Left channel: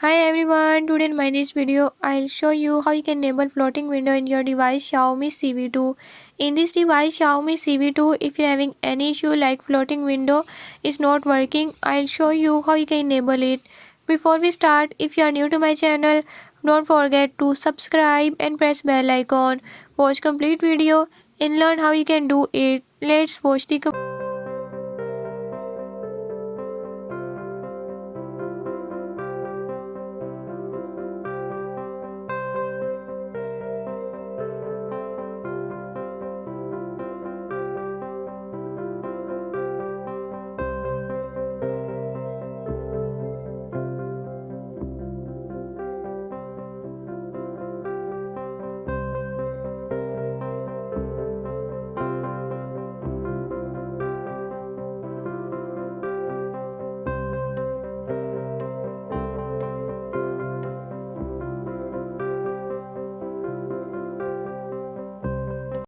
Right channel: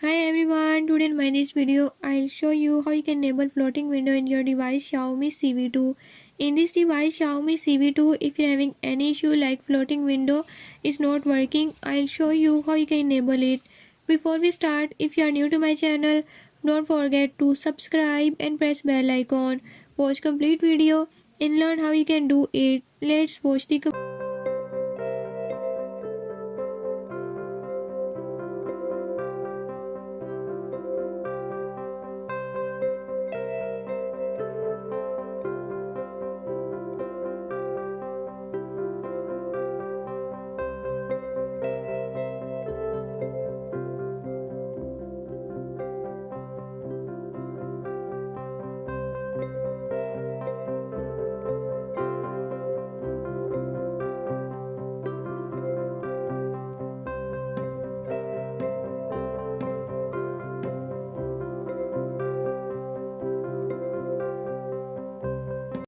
Hi everyone, today in my this video I'll show you how you can enable floating window in your device Xiaomi Civi 2. In this device Xiaomi Civi 2, if you're having any issue like floating window is not working, I'll show you how you can enable it. Before we start, if you are new to my channel, don't forget to subscribe and press bell icon. Watch complete video and learn how you can do it. Let's watch the